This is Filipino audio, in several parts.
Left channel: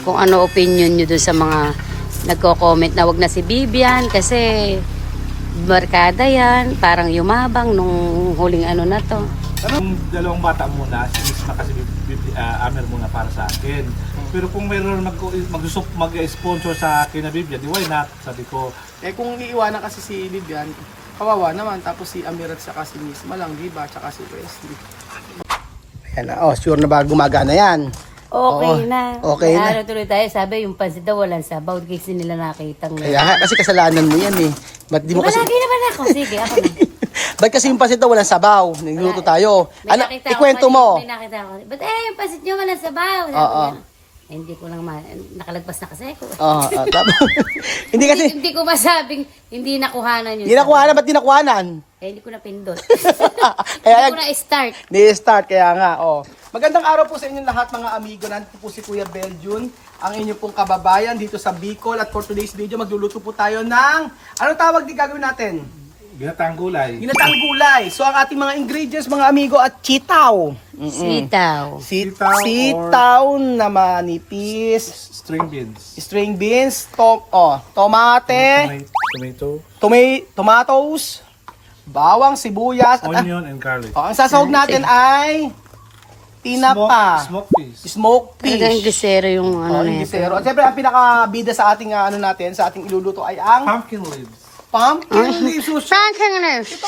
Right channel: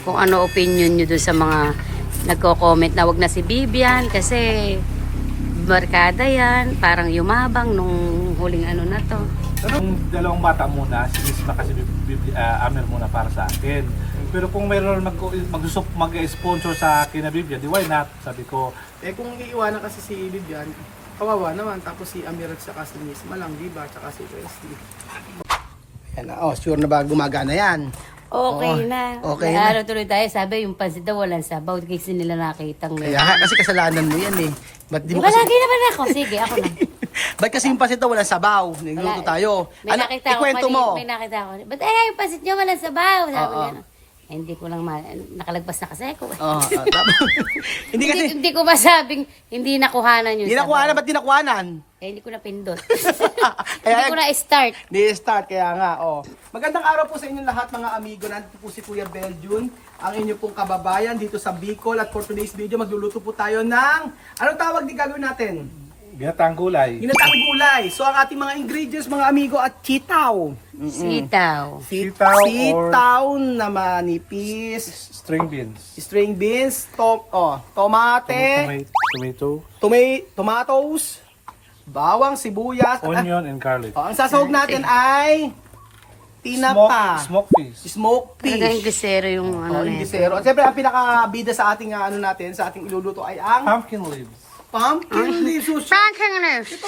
kung ano opinion nyo dun sa mga nagko-comment na wag na si Bibian kasi barkada yan, parang yumabang nung huling ano na to. Yung dalawang bata muna, si Miss kasi Amer muna para sa akin. Pero kung mayroon mag-sponsor sa akin na Biblia, di why not? Sabi ko, Eh kung iiwanan kasi si Vivian, kawawa naman. Tapos si Amir at saka si Miss Malang, diba? Tsaka si Wesley. Ayan na, oh, sure na ba gumagana yan? Okay Oo, na. okay na. Ano tuloy tayo, sabi yung pansit daw walang sabaw kasi nila nakitang Kaya kasi kasalanan mo yan eh. Ba't di Di mo ba kasi... lagi naman ako? Sige, ako na. Ba't kasi yung pasit daw walang sabaw? Niluto tayo. May Ano, nakita ako ikwento kanina, mo. May nakita ako. Ba't yung pansit nyo walang sabaw? Sabi Oo. niya. Eh, hindi ko lang nakalagpas na kasi ako. Oo, hindi kasi... Hindi ko masabing hindi nakuhanan yun. Di nakuhanan, ba't di nakuhanan? Eh, hindi ko na pindot. Kaya Hindi ko na start. Ni-start, kaya nga, oh. Magandang araw po sa inyong lahat mga amigo. Nandito po si Kuya Belgian, ang inyong pong kababayan dito sa Bicol. At for today's video, magluluto po tayo ng... Anong tawag di gagawin natin? ginataang gulay. Ginataang gulay. So ang ating mga ingredients, mga amigo, at sitaw. Sitaw. Sitaw na manipis. String beans. String beans, tomate, tomatoes, bawang, sibuyas, Onion and garlic. ang sasahog natin ay tinapa, Smoked fish. smoked Talagang fish. gisero yung ano na Gisero. At siyempre, ang pinakabida sa ating ano natin, sa ating iluluto ay ang Pumpkin leaves. pumpkin leaves. Frankiness.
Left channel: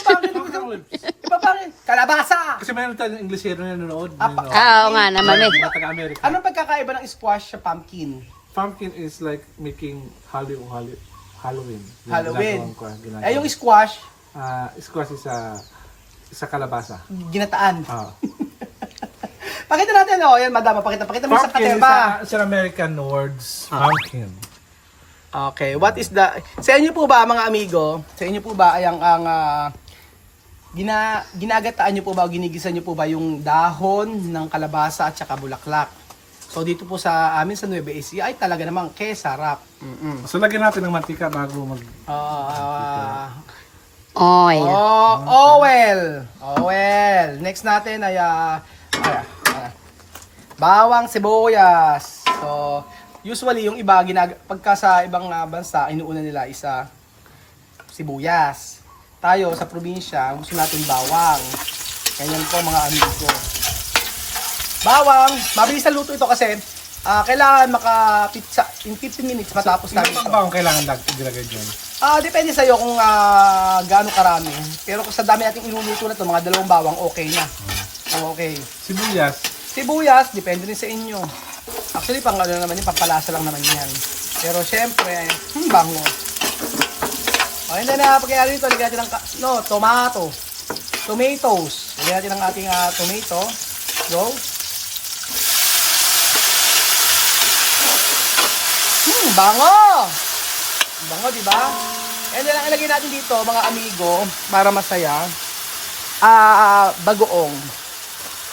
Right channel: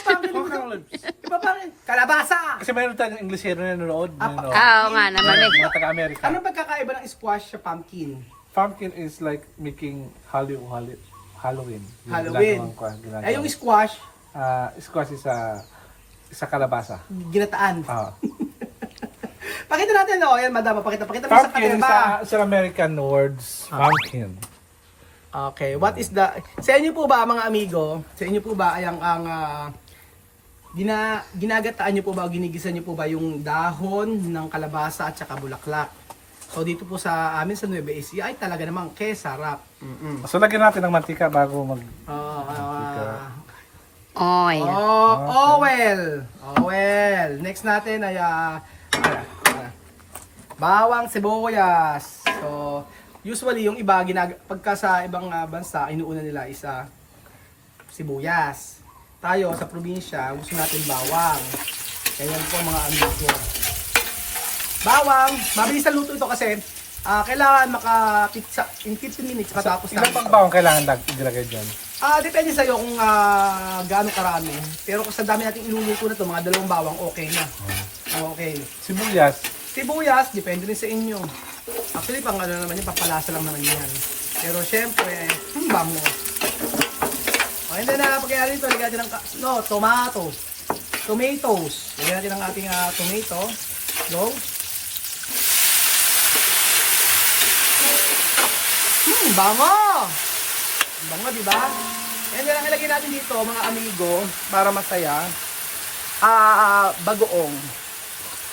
Kalabasa. Kasi mayroon tayong Englishero na nanonood. Oo nga naman. Mga taga-America. Anong pagkakaiba ng squash sa pumpkin? Pumpkin is like making Halloween. Halloween. Ginagawa. Eh, yung squash, Squash is sa kalabasa. ginataan. Ah. Pakita natin, oh. Ayan, madama. Pakita mo sa Pumpkin camera. is sa American words. Pumpkin. Okay, what is the... Sa inyo po ba, mga amigo, sa inyo po ba ay ang ginagataan nyo po ba o ginigisan nyo po ba yung dahon ng kalabasa at saka bulaklak? So dito po sa amin sa Nueva Ecija ay talaga namang kesarap. So lagyan natin ng mantika bago mag... Oil. Oil. Next natin ay bawang, sibuyas. So usually yung iba pagka sa ibang bansa inuuna nila isa sibuyas. Tayo sa probinsya gusto natin bawang. Ganyan po mga amigo. Bawang, mabilis na luto ito kasi kailangan maka-pizza in 15 minutes matapos Ilan pang bawang kailangan ilagay dyan? Depende sa iyo kung gaano karami. Pero kung sa dami nating inuluto na ito, mga 2 bawang okay na. Okay. Sibuyas. Sibuyas, depende rin sa inyo. Actually, pang ano naman yun, pampalasa lang naman yan. Pero syempre, bango. Okay na pagyari ito, lagyan natin ng tomatoes. Lagyan natin ang ating tomato. Go. Bango! Bango, di ba? And then, ang ilagay natin dito, mga amigo, para masaya, bagoong.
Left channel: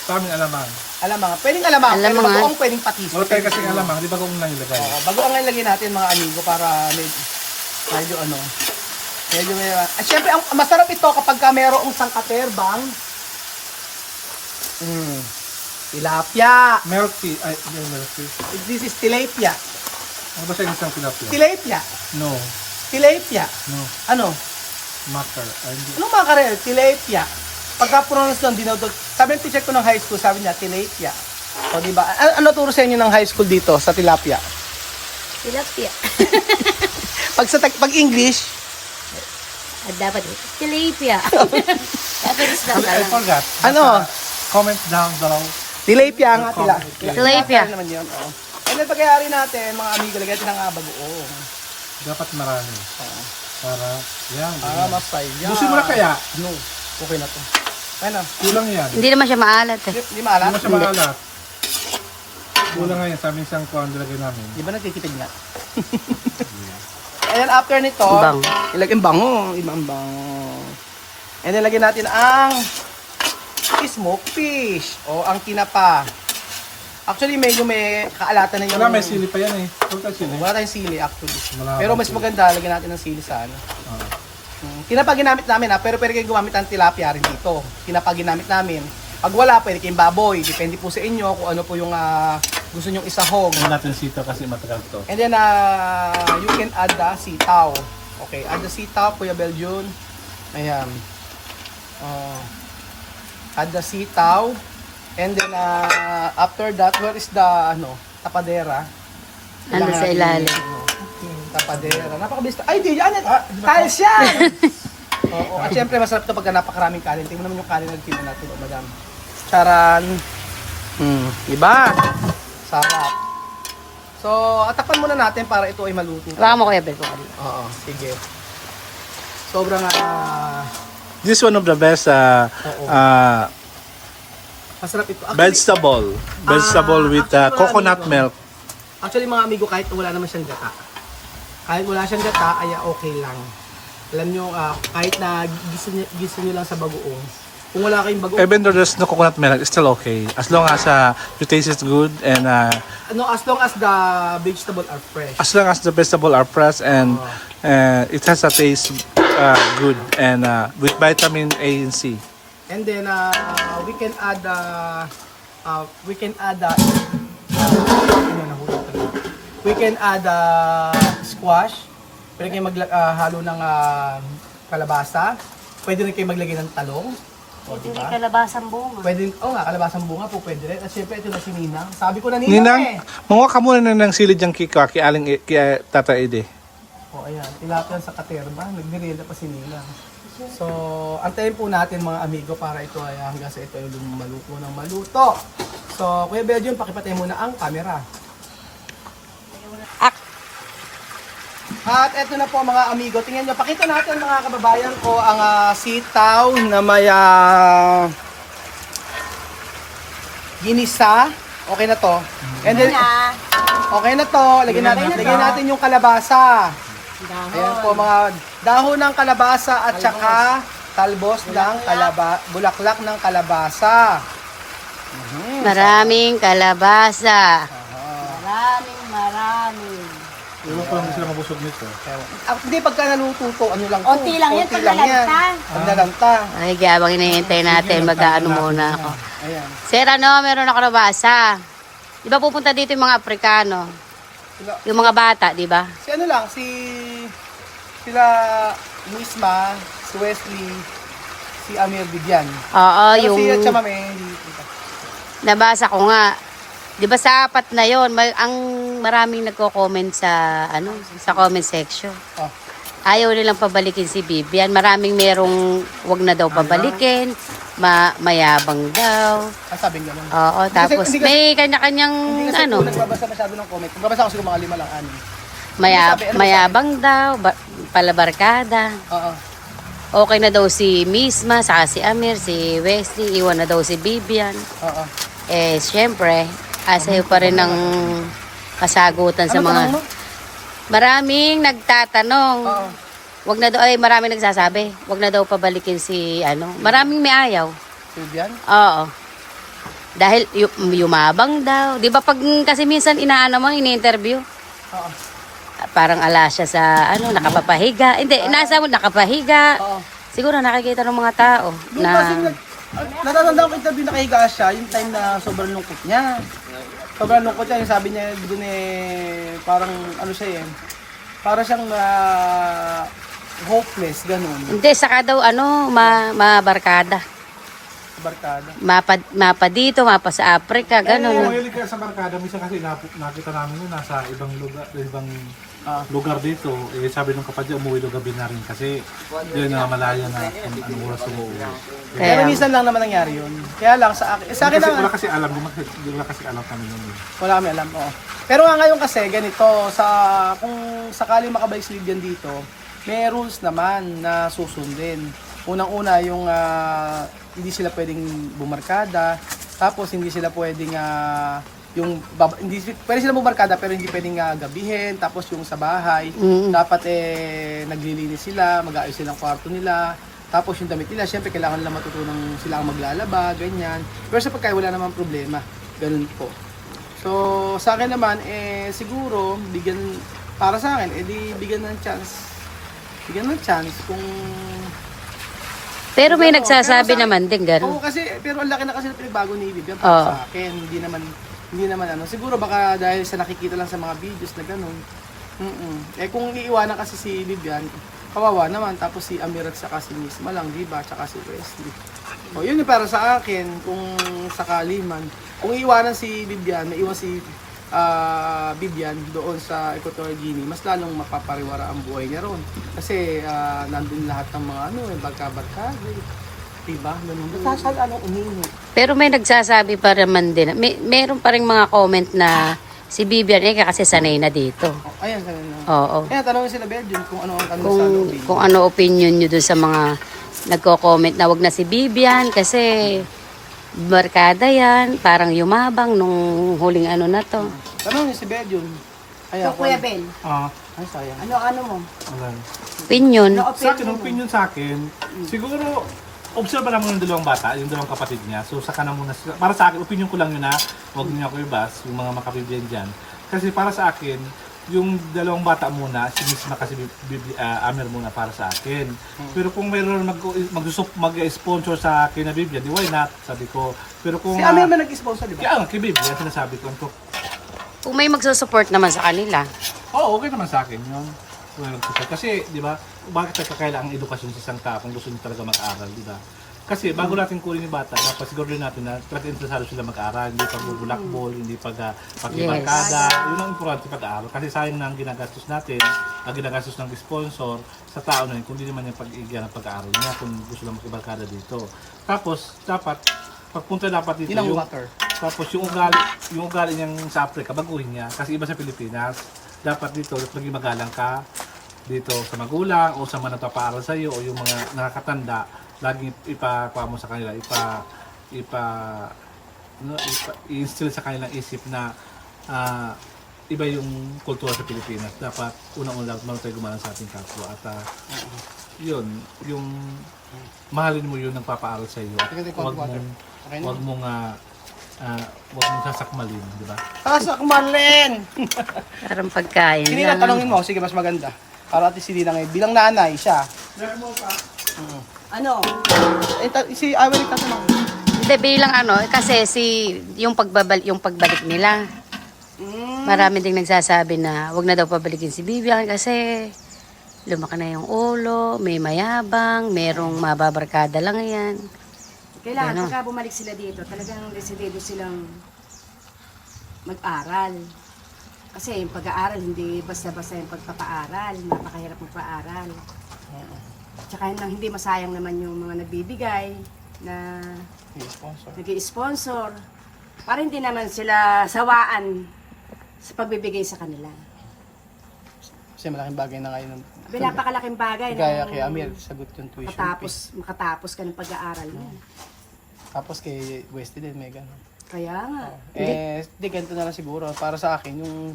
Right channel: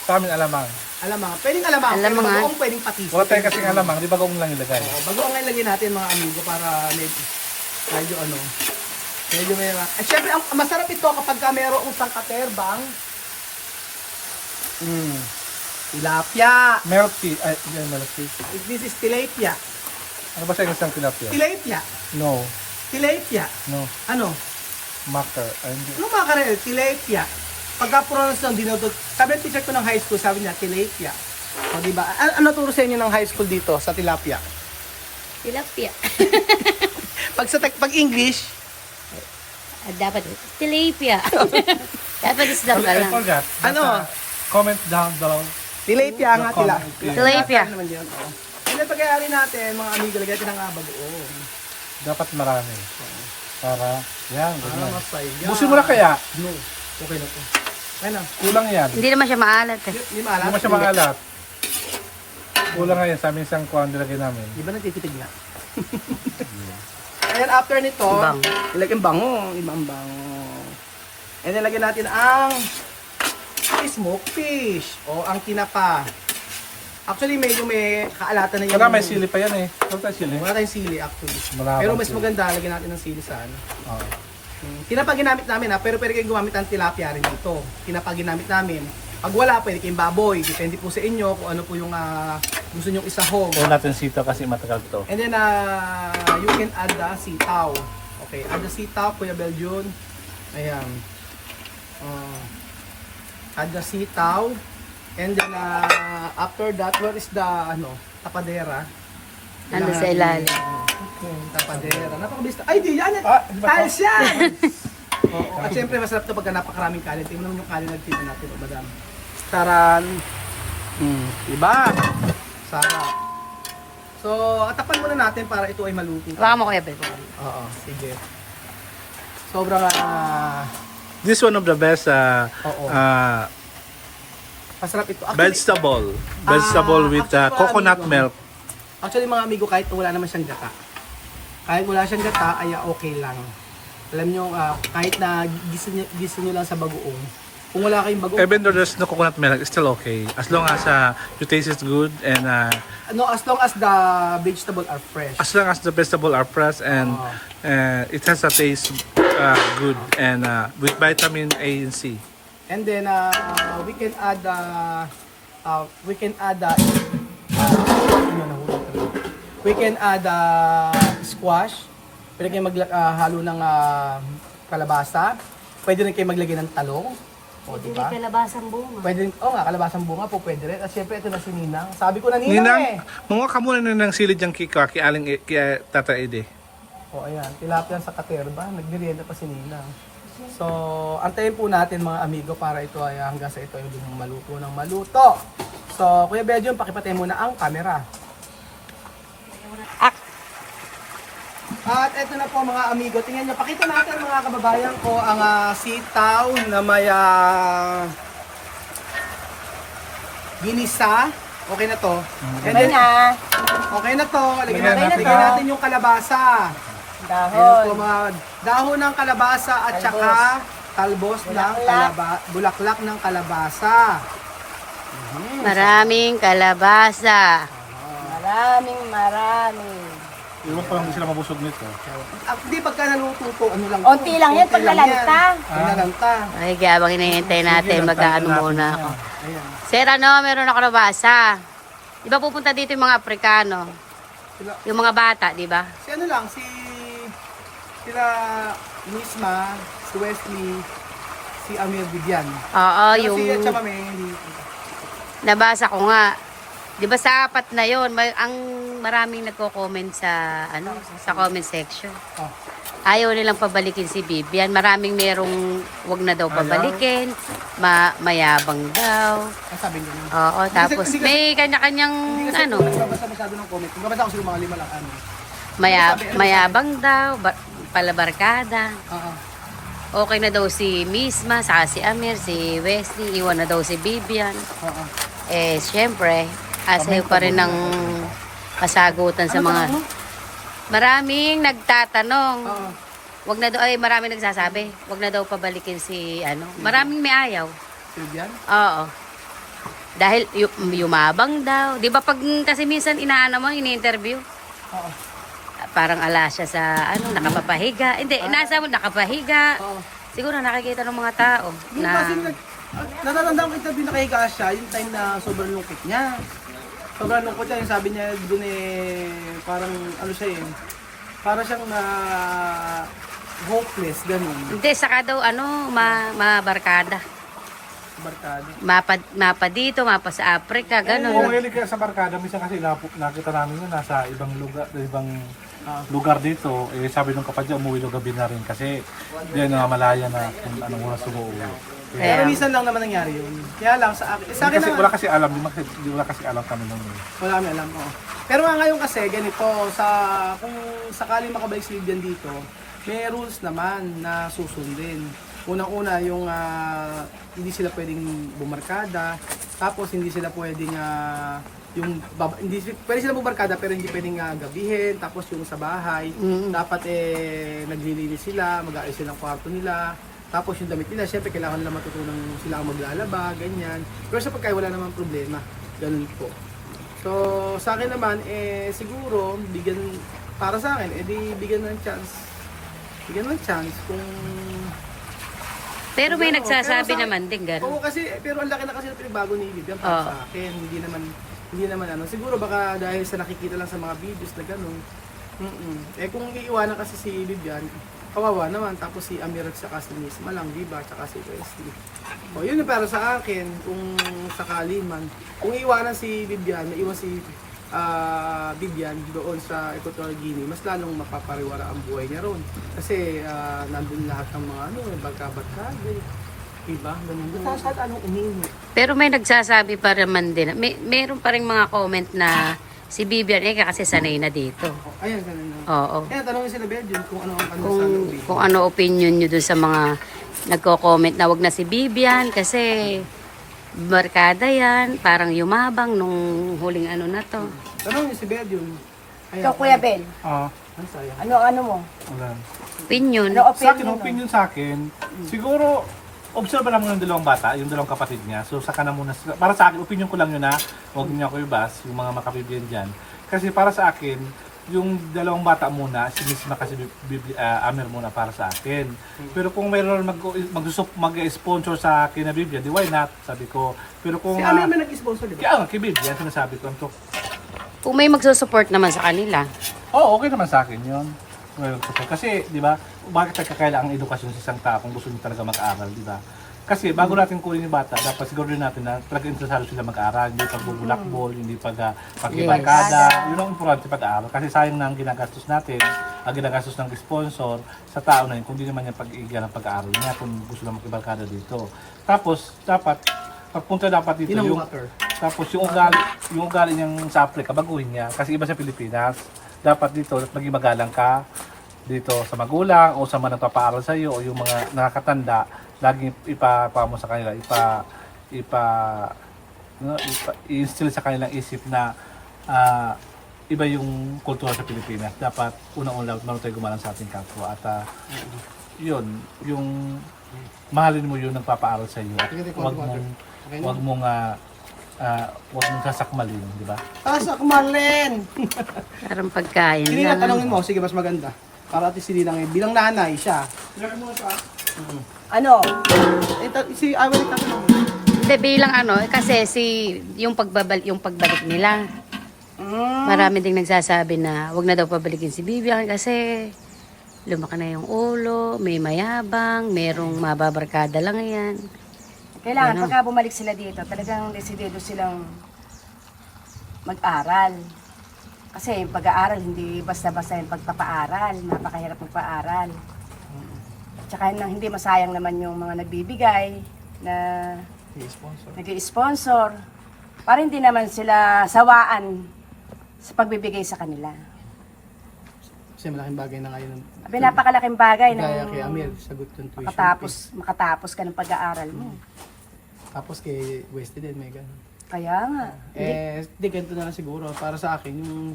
Sa amin alamang. Alamang, pwedeng alamang. Alamang, pero bagoong pwedeng patis. Wala tayo kasing alamang, di ba kung lang ilagay? Bagoong ang ilagay natin, mga amigo, para medyo at syempre, ang masarap ito kapag mayroong isang katerbang. Tilapia. Milk tea. Ay, milk tea. This is tilapia. Ano ba sa isang tilapia? Tilapia. No. Tilapia. No. Ano? Matter. Ay, hindi. Ano mga karel? Tilapia. Pagka-pronounce lang, dinodot. Sabi ng teacher ko ng high school, sabi niya, tilapia. So, diba? Ano turo sa inyo ng high school dito sa tilapia? Tilapia. Pag English, Dapat tilapia. I forgot. Ano? Comment down below. tilapia nga tilapia. Tilapia. Naman yun, oh. Ano pagyayari natin, mga amigo, lagay natin ang bagoong. Dapat marami. Para, yan. Mas tayo. Busin mo na kaya? No. Okay na to. Ano? Kulang yan. Hindi naman siya maalat eh. Hindi maalat? Hindi mo siya makalat. Kulang nga yan. Sa aming isang kuwan nilagay namin. Di ba nagtitipid na? And then after nito, Bango. ilagay bango. Ibang bango. And then lagyan natin ang smoked fish o ang tinapa. Actually, medyo may kaalatan na yan. Wala, may sili pa yan eh. Wala tayo sili. Wala tayong sili actually. Wala Pero tayong mas sili. maganda, lagyan natin ng sili sa ano. Oo. Tinapa ginamit namin pero pwede kayo gumamit ng tilapia rin dito. Tinapa ginamit namin. Pag wala, pwede kayong baboy. Depende po sa inyo kung ano po yung gusto nyo isahog. Ito natin sitaw kasi matagal to. And then, you can add the sitaw. Okay, add the sitaw, Kuya Belgian. Ayan. Add the sitaw. And then, after that, where is the, tapadera? Ando sa ilalim. Okay, tapadera. Napakabilis. Ay, di yan! Tiles yan! Oo, at syempre, masarap ito pagka napakaraming kanin. Tingnan naman yung kanin na tingnan natin, madam. Charan. Diba? Sarap. So, atapan muna natin para ito ay maluto. Baka mo Kuya Bel. Oo, sige. Sobrang, This one of the best Oo. Masarap ito. vegetable. Vegetable with actually, coconut amigo. milk. Actually, mga amigo, kahit wala naman siyang gata. Kahit wala siyang gata, ay okay lang. Alam nyo, kahit na gisa nyo lang sa bagoong. Kung wala kayong bagoong, Even though there's no coconut milk, it's still okay. As long as the taste is good and as long as the vegetable are fresh. as long as the vegetable are fresh and it has a taste good and with vitamin A and C. And then we can add squash. Pwede kayo halo ng kalabasa. Pwede rin kayo maglagay ng talong. O, diba? kalabasang bunga. Pwede rin, kalabasang bunga po pwede rin. At syempre ito na si Ninang. Sabi ko na Ninang, eh. manguha ka muna na ng silid yung kika, kaya Tata Ede. O ayan, tilapia sa katerba. Nagmerienda pa si Ninang. So, antayin po natin mga amigo para ito ay hanggang sa ito ay maluto ng maluto. So, Kuya Belgium, pakipatay muna ang camera. At ito na po mga amigo, tingnan nyo, pakita natin mga kababayan ko ang sitaw na may ginisa. Okay na to. And then, okay na to. Lagyan natin yung kalabasa. Ayan po mga dahon ng kalabasa at saka talbos ng bulaklak ng kalabasa. Maraming kalabasa. Iwan ko lang sila mabusog nito. Hindi, pagka naluto to, ano lang to. Onti lang yan, pag nalanta. Pag nalanta. Ay, kaya habang hinihintay natin, mag-ano muna ako. Ayan. Sir, meron ako nabasa. Di ba pupunta dito yung mga Afrikano? Yung mga bata, di ba? Si ano lang, sila Misma, si Wesley, si Amir Bigyan. Oo, Pero yung si Chama may hindi. nabasa ko nga. Di ba sa apat na yon, ang maraming nagko-comment sa sa comment section. Oh. Ayaw nilang pabalikin si Bibian. Maraming merong wag na daw pabalikin, mayabang daw. Ang sabi niya. Oo, tapos may kanya-kanyang Hindi kasi nagbabasa masyado ng comment. Nagbabasa ko sila mga 5 lang ano. mayabang daw, palabarkada. Oo. Okay na daw si Misma, saka si Amir, si Wesley, iwan na daw si Bibian. Oo. Syempre, asayo pa rin ng kasagutan sa Ano mga... tanong mo? Maraming nagtatanong. Oo. Wag na daw, maraming nagsasabi. Wag na daw pabalikin si Maraming may ayaw. Bigyan? Oo. Dahil yumabang daw. 'Di ba pag kasi minsan inaano mo, ini-interview, Oo. parang ala siya sa nakapapahiga. Hindi, nasa mo nakapahiga. Oo. Siguro nakikita ng mga tao Yung na kasi natatandaan ko interview nakahiga siya, yung time na sobrang lungkot niya. Sobrang lungkot niya, yung sabi niya dun parang ano siya para siyang hopeless, ganun. hindi saka daw mabarkada. Barkada. Mapa dito, mapa sa Africa, Kung ganun. mahilig ka sa barkada, minsan kasi nakita namin yun nasa ibang lugar dito. Sabi nung kapatid, umuwi daw gabi na rin kasi yan na malaya na kung anong oras umuwi. Pero Kaya, minsan lang naman nangyari yun. Kaya lang sa akin Kasi lang, wala kasi alam, di wala kasi alam kami nung wala kami alam. Oo. Pero ngayon kasi ganito, kung sakali makabaysilbihan dito, may rules naman na susundin. Unang-una yung hindi sila pwedeng bumarkada, tapos hindi sila pwedeng pwede sila bumarkada pero hindi pwedeng gabihin, tapos yung sa bahay, dapat naglilinis sila, mag-aayos sila ng kwarto nila. Tapos yung damit nila, syempre kailangan nila matutunang sila ang maglalaba, ganyan. Pero sa pagkain wala namang problema, ganun po. So, sa akin naman, siguro, para sa akin, bigyan ng chance. Bigyan ng chance kung... pero may nagsasabi naman din Oo, ganun. kasi, pero ang laki na kasi ito yung bago ni Bibian Oo. sa akin. Hindi naman, Hindi naman ano. Siguro baka dahil sa nakikita lang sa mga videos na gano'n. Eh kung iiwanan kasi si Vivian, kawawa naman. Tapos si Amir at saka si Miss Malang, di ba? Tsaka si Wesley. So yun yung para sa akin, kung sakali man. Kung iiwanan si Vivian, maiwan si Vivian doon sa Equatorial Guinea, mas lalong mapapariwara ang buhay niya roon. Kasi nandun lahat ng mga barka-barka. Diba? Nasasal umiihi. Pero may nagsasabi pa naman din, meron pa rin mga comment na si Vivian kasi sanay na dito. Ayan, tanong na. Oo. Ayan, tanongin sila Belgium kung ano ang kanilang Kung ano opinion nyo dun sa mga nagko-comment na wag na si Vivian kasi barkada yan, parang yumabang nung huling ano na to. Tanongin si Belgium. Ikaw, Kuya Ben, Ay, sayang. ano mo? Ayan. Opinion. Ano Sa akin, opinion mo? opinion sa akin, siguro, observe lang muna yung dalawang bata, yung dalawang kapatid niya. So, saka na muna, para sa akin, opinion ko lang yun na, huwag niyo ako ibas, yung mga makabibigyan dyan. Kasi para sa akin, yung dalawang bata muna, si Miss na kasi Amir muna para sa akin. Pero kung mayroon mag-sponsor sa akin na Biblia, di why not? Sabi ko. Pero kung... Si Amir man nag-sponsor, di ba? Kaya kay Biblia, sinasabi ko. Kung may magsusupport naman sa kanila. Oo, okay naman sa akin yun. Kasi, di ba, bakit nagkakailangan ang edukasyon sa isang tao kung gusto niya talaga mag-aral, di ba? Kasi bago natin kunin yung bata, dapat siguro rin natin na talaga interesado sila mag-aral, hindi pagbubulakbol, hindi pagkibangkada. Yun ang importante pag-aaral. Kasi sayang na ang ginagastos natin, ang ginagastos ng sponsor sa tao na yun, kung di naman yung pag-iigyan ng pag-aaral niya, kung gusto lang makibangkada dito. Tapos, dapat, pagpunta dapat dito, tapos yung ugali niyang sa Africa, baguhin niya. Kasi iba sa Pilipinas, dapat dito, maging magalang ka dito sa magulang o sa mga nagpapaaral sa iyo o yung mga nakakatanda, laging ipapamo sa kanila, i-instill sa kanilang isip na iba yung kultura sa Pilipinas. Dapat unang-una marunong tayo gumalang sa ating kapwa at yun, yung mahalin mo yung nagpapaaral sa iyo at wag mong sasakmalin, di ba? Para sa kumalin! Parang pagkain Hindi lang. na tanongin mo, sige mas maganda. Para at si Dina ngayon, bilang nanay siya. Ano? Si Ivory ka naman. Hindi, bilang kasi yung pagbalik nila. Marami ding nagsasabi na wag na daw pabalikin si Vivian kasi lumaki na yung ulo, may mayabang, merong mababarkada lang yan. Kailangan Ano? pagka bumalik sila dito, talagang desidido silang mag-aral. Kasi yung pag-aaral, hindi basta-basta yung pagpapaaral. Napakahirap magpaaral. Tsaka hindi masayang naman yung mga nagbibigay na nag-i-sponsor. Para hindi naman sila sawaan sa pagbibigay sa kanila. Kasi malaking bagay na ngayon. Napakalaking bagay Kaya nung kay Amir, sagot yung tuition. makatapos ka ng pag-aaral mo. Tapos kay Westy din, may ganun. Kaya nga. Di ganito na lang siguro. Para sa akin, yung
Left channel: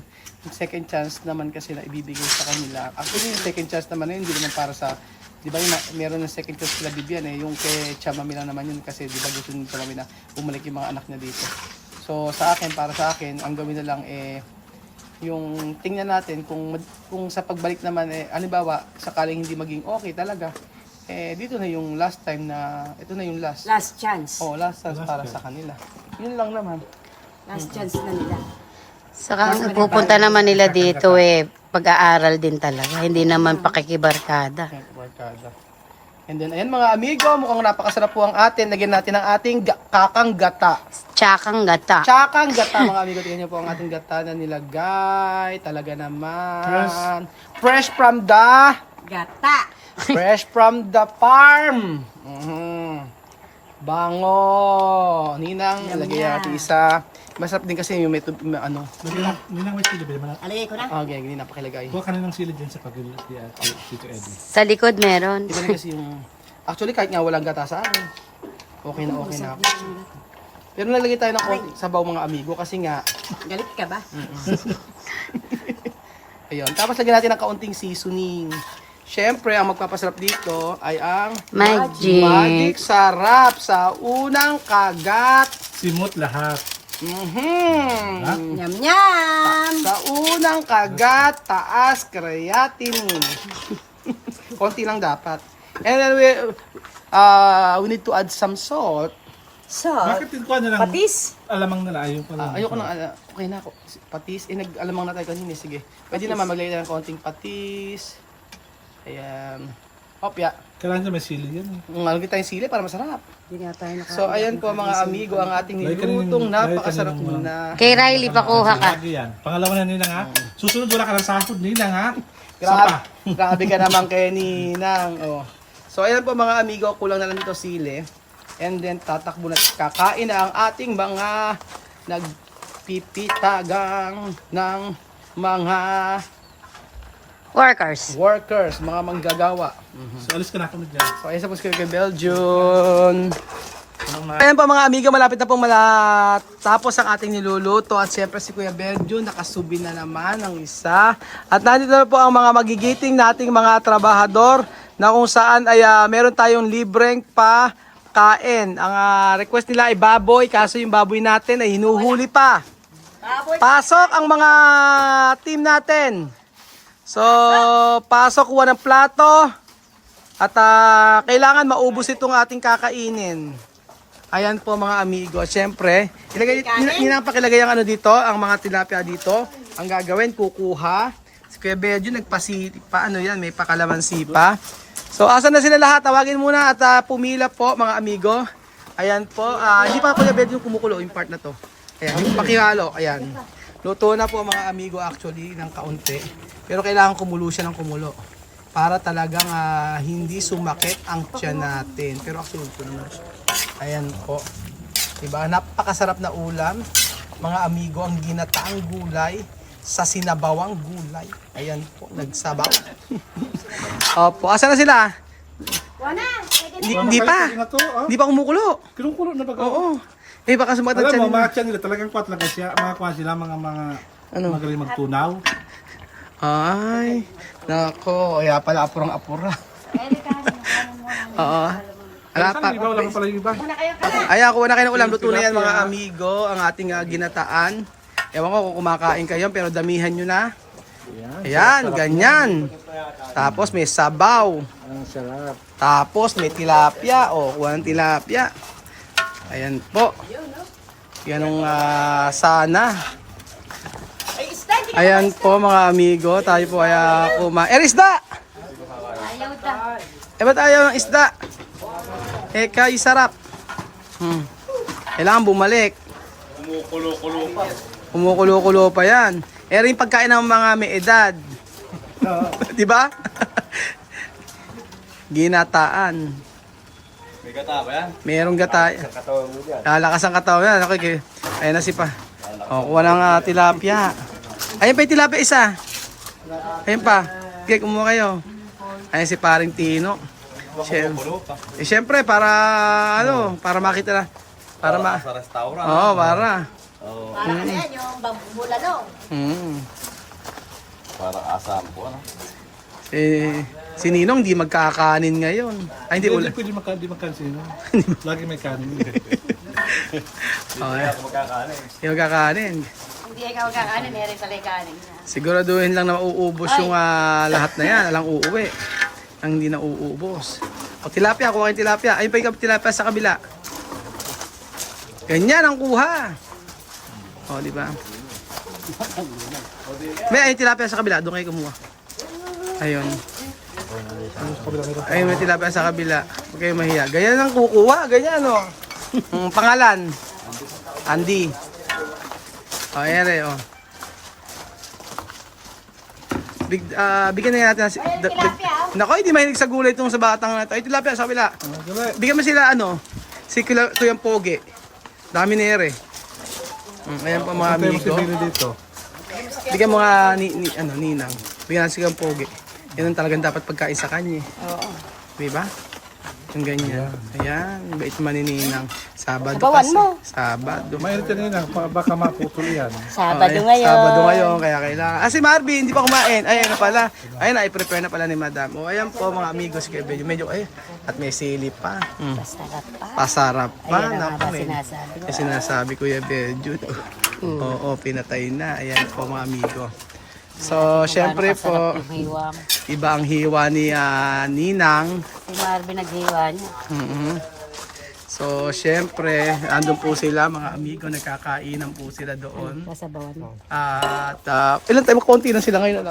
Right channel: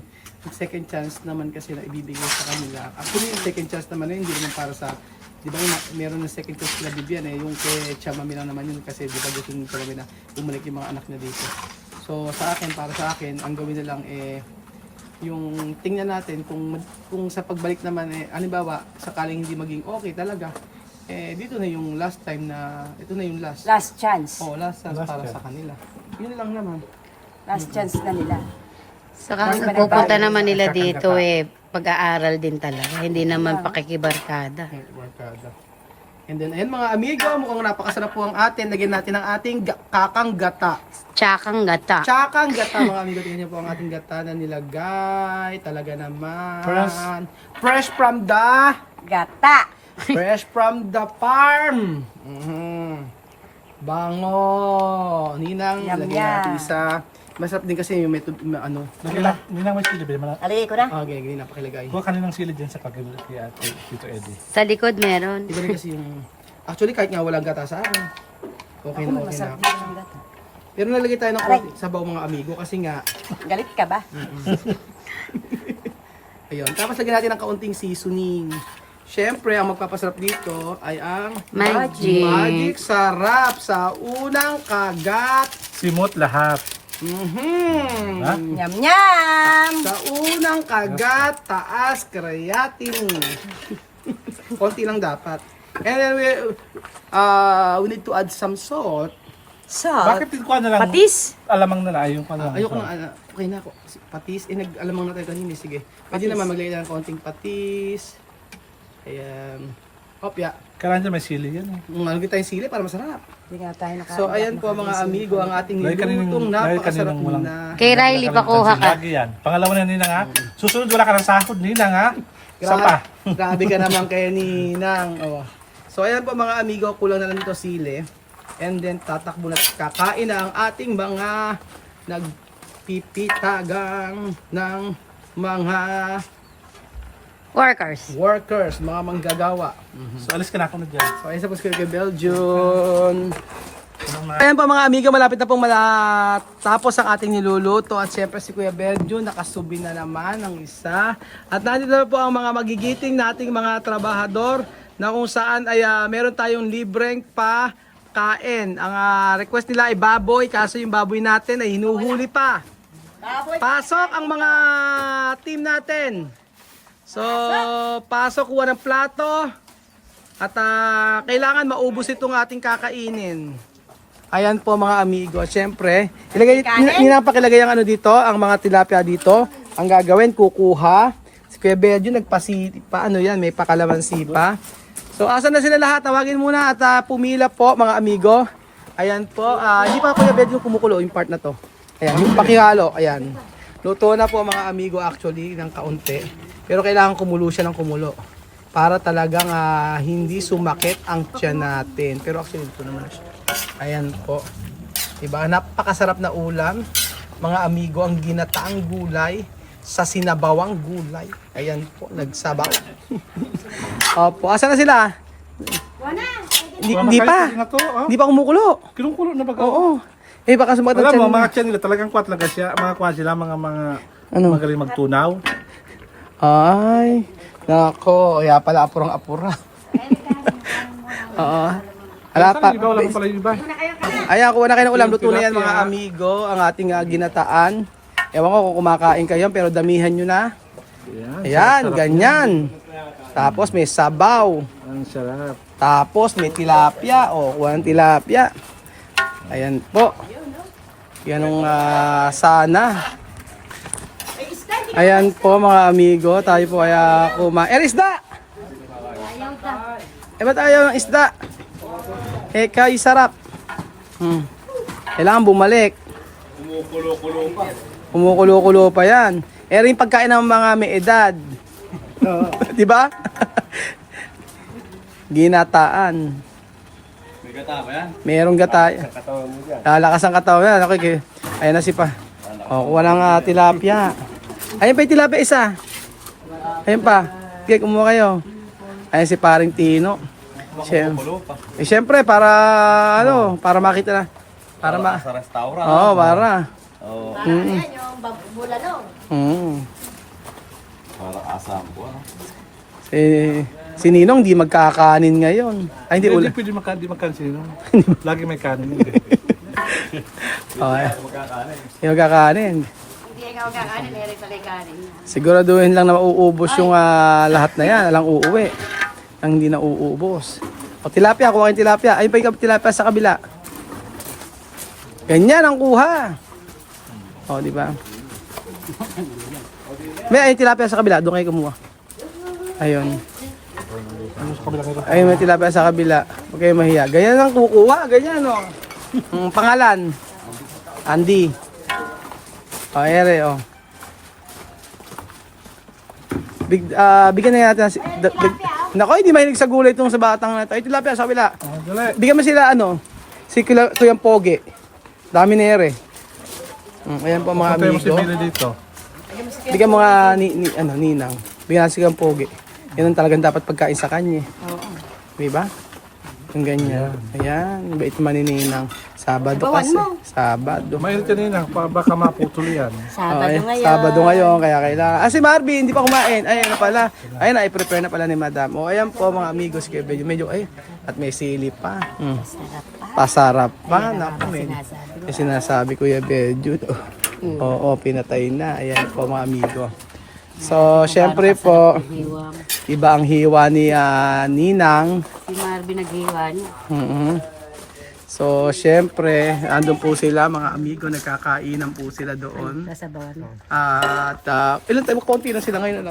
second chance naman kasi na ibibigay sa kanila. Actually, yung second chance naman yun, hindi naman para sa... Di ba meron ng second chance sila Bibian yung kay Chamamina naman yun. Kasi di ba gusto nyo talaga na bumalik yung mga anak niya dito. So sa akin, para sa akin, ang gawin na lang yung tingnan natin kung sa pagbalik naman halimbawa, sakaling hindi maging okay talaga, dito na yung last time na, ito na yung last. Last chance. Last chance para sa kanila. Yun lang naman. Last chance na nila. Saka ang pupunta naman nila dito pag-aaral din talaga, hindi naman pakikibarkada. Barkada. And then, ayan mga amigo, mukhang napakasarap po ang atin. Lagyan natin ang ating kakang gata. Tsakang gata. Tsakang gata mga amigo. Tingnan niyo po ang ating gata na nilagay. Talaga naman. Fresh from the... Gata. Fresh from the farm. Bango. Ninang, Yum, lagyan yum. natin isa. Masarap din kasi yung Ninang may silid, malaki. Alagay ko na. Okay, ganyan napakilagay. Kuha ka na ng silid dyan sa pag-ibig Tito Eddie. Sa likod meron. Iba na kasi yung... Actually, kahit nga walang gata sa akin. Okay na okay na. Masarap na yung gata. Pero naglagay tayo ng konti sabaw mga amigo kasi nga... Galit ka ba? Ayun. Tapos lagyan natin ng kaunting seasoning. Siyempre, ang magpapasarap dito ay ang Magic Magic. Sarap sa unang kagat. Simot lahat. Ha? Nyam nyam! Sa unang kagat, taas creatinine. Konti lang dapat. And then we need to add some salt. Bakit hindi ko na lang Patis. alamang na ayun ka lang. Ayoko na, okay na ako. Patis, nag-alamang na tayo kanina, sige. Pwede naman maglagay ng konting patis. Ayan. Hopya. Kailangan may sili yan. Ngalagay tayong sili para masarap. Hindi nga tayo So, ayan po mga amigo, ang ating Dahil kaninang- nilutong dahil napakasarap kaninang na. Kay Riley, pakuha ka. Lagi yan. Pangalawa na nila nga. Susunod wala ka ng sahod nila nga. Isa pa. Grabe ka naman kay Ninang. Oh. So, ayan po mga amigo, kulang na lang ito sili. And then, tatakbo na kakain na ang ating mga nagpipitagang ng mga Workers. mga manggagawa. So alis ka na ako na dyan. So, ayan sa puso kay Belgium. Ayan po mga amigo, malapit na pong matapos ang ating niluluto. At siyempre si Kuya Belgium, nakasubi na naman ang isa. At nandito na po ang mga magigiting nating mga trabahador na kung saan ay meron tayong libreng kain. Ang request nila ay baboy, kaso yung baboy natin ay hinuhuli pa. Pasok ang mga team natin. So, pasok, kuha ng plato. At kailangan maubos itong ating kakainin. Ayan po mga amigo. Siyempre, pakilagay ang ano dito, ang mga tilapia dito. Ang gagawin, kukuha. Si Kuya Belgium, ano yan, may pakalamansi pa. So, asan na sila lahat? Tawagin muna at pumila po mga amigo. Ayan po. Hindi pa Kuya Belgium kumukulo yung part na to. Ayan, yung pakihalo. Ayan. Luto na po mga amigo actually ng kaunti. Pero kailangan kumulo siya ng kumulo. Para talagang hindi sumakit ang tiyan natin. Pero actually ito naman siya. Ayan po. Diba? Napakasarap na ulam. Mga amigo, ang ginataang gulay sa sinabawang gulay. Ayan po, nagsabaw. Opo, asan na sila? Hindi pa. Hindi pa kumukulo. Kinukulo na ba? Oo. Eh baka sumakit ang Alam tiyan mo, nila. mga tiyan nila talagang kwat talaga siya. Mga kwat sila, mga Ano? magaling magtunaw. Ay, nako. Kaya pala apurang-apura. Oo. Wala pa. Ikaw lang pala yung iba. Ayan, kuha na kayo ng ulam. Luto na yan mga amigo. Ang ating ginataan. Ewan ko kung kumakain kayo, pero damihan nyo na. Ayan, ganyan. Tapos may sabaw. Ang sarap. Tapos may tilapia. O, kuha ng tilapia. Ayan po. Yan ang sana. Ayan po mga amigo. Tayo po ay kumain. Isda! Ba't ayaw ng isda? Kay sarap. Kailangan bumalik. Kumukulo-kulo pa yan. Rin pagkain ng mga may edad. Di ba? Ginataan. May gata ba yan? Merong gata. Katawan mo dyan. Lalakas ang katawan yan. Okay. Ayan na si pa. O, kuha ng tilapia. Ayan pa yung tilapia isa. Ayan pa. Okay, kumuha kayo. Ayan si paring Tino. Siyempre para para makita na. Para Sa restaurant. Oo, para. Oo. Para asam po, ano? Si Ninong di magkakanin ngayon. Ay, hindi ulan. Pwede magkansin. Lagi may kanin. Okay. Magkakanin. Hindi magkakanin. Hindi ikaw kakanin, ere pala kanin. Siguraduhin lang na mauubos yung lahat na yan. Alang uuwi. Ang hindi na uubos. O tilapia, kuha kayong tilapia. Ayun pa yung tilapia sa kabila. Ganyan ang kuha. O, di ba? May ayun tilapia sa kabila. Doon kayo kumuha. Ayun. Ayun may tilapia sa kabila. Huwag kayo mahiya. Ganyan ang kukuha. Ganyan, o. Pangalan. Andy. O, ere, o. Bigyan na natin. Nako, hindi mahilig sa gulay itong sa batang na ito. Ay, tilapia sa kabila. Bigyan mo sila, si Kuyang Pogi. Dami na ere. Ayan po mga amigo. Bigyan mo nga Ninang. Bigyan si Kuyang Pogi. Yan ang talagang dapat pagkain sa kanya. Diba? Yung ganyan. Ayan, bait naman ni Ninang. Sabado kasi. Sabado. Mainit ka nila, baka maputol yan. Sabado ngayon, kaya kailangan. Si Marvin, hindi pa kumain. Ay, ano pala. Ayun, i-prepare na pala ni Madam. O, ayan po mga amigos, kaya medyo, at may sili pa. Pasarap pa. Naku, sinasabi Kuya Belgium. Oo, pinatay na. Ayan po mga amigo. So, syempre po, iba ang hiwa ni Ninang. Si Marvin naghiwa niya. So, syempre, andun po sila, mga amigo, nagkakainan po sila doon. Sasabawan. At ilan tayo, konti na sila ngayon,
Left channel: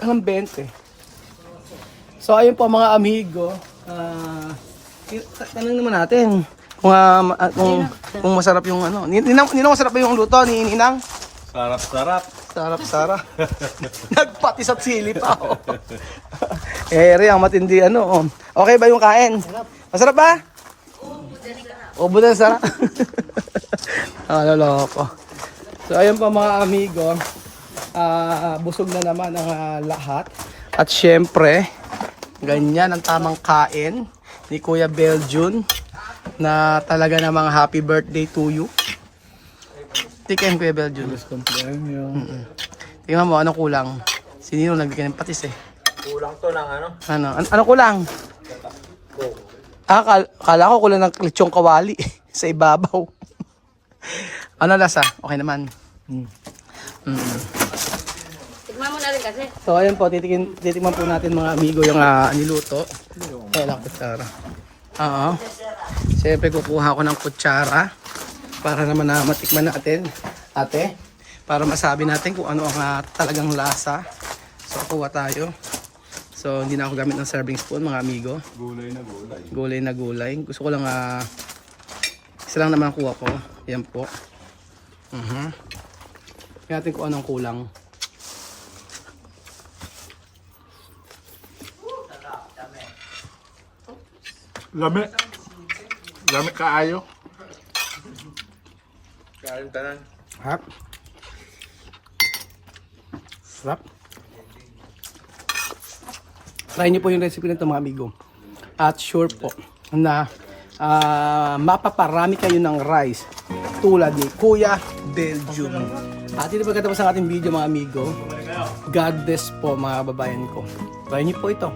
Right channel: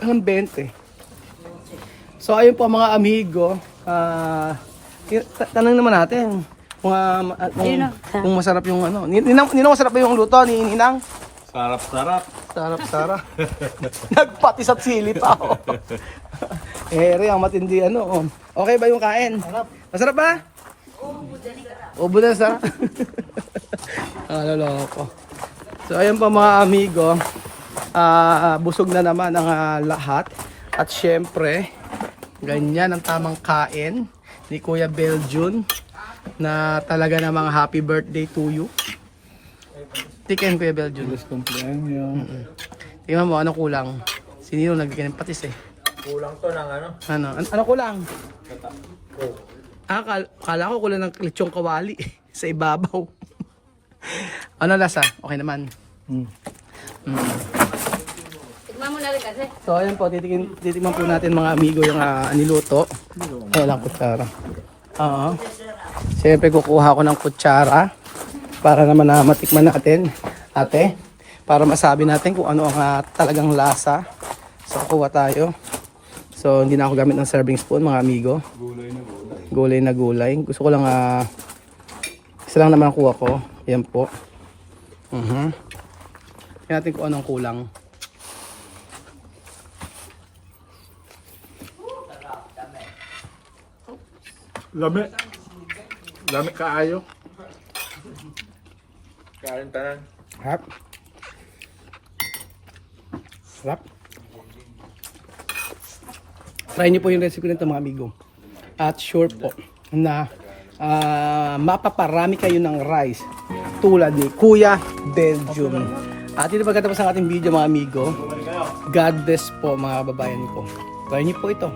alam 20. So, ayun po mga amigo, tanong naman natin kung masarap yung ano. Ninang masarap ba yung luto ni Ninang? Sarap-sarap. Sarap. Nagpatis at sili pa. Oh. Ang matindi ano. Oh. Okay ba yung kain? Masarap ba? Obo na sarap. Loko. So ayun pa mga amigo. Busog na naman ang lahat. At syempre, ganyan ang tamang kain ni Kuya Beljun na talaga namang happy birthday to you. Tikim Kuya Beljun. Cumpleaños. Tingnan mo, ano kulang? Sinino nagbigay ng patis eh? Kulang to ng ano? Ano kulang? Kala ko kulang ng lechong kawali sa ibabaw. Ano lasa? Okay naman. Tikman mo na rin kasi. So ayun po, titikman po natin mga amigo yung niluto. Ayan ang kutsara. Oo. Siyempre kukuha ko ng kutsara para naman na matikman natin, ate. Para masabi natin kung ano ang talagang lasa. So kukuha tayo. So hindi na ako gamit ng serving spoon mga amigo. Gulay na gulay. Gusto ko lang isa lang naman kuha ko. Yan po. Tingnan natin kung anong kulang. Lami kaayo. Kain tanan. Sarap. Sarap. Try niyo po yung recipe nito mga amigo. At sure po na mapaparami kayo ng rice tulad ni Kuya Beljun. At ito pagkatapos ng ating video mga amigo. God bless po mga kababayan ko. Try niyo po ito.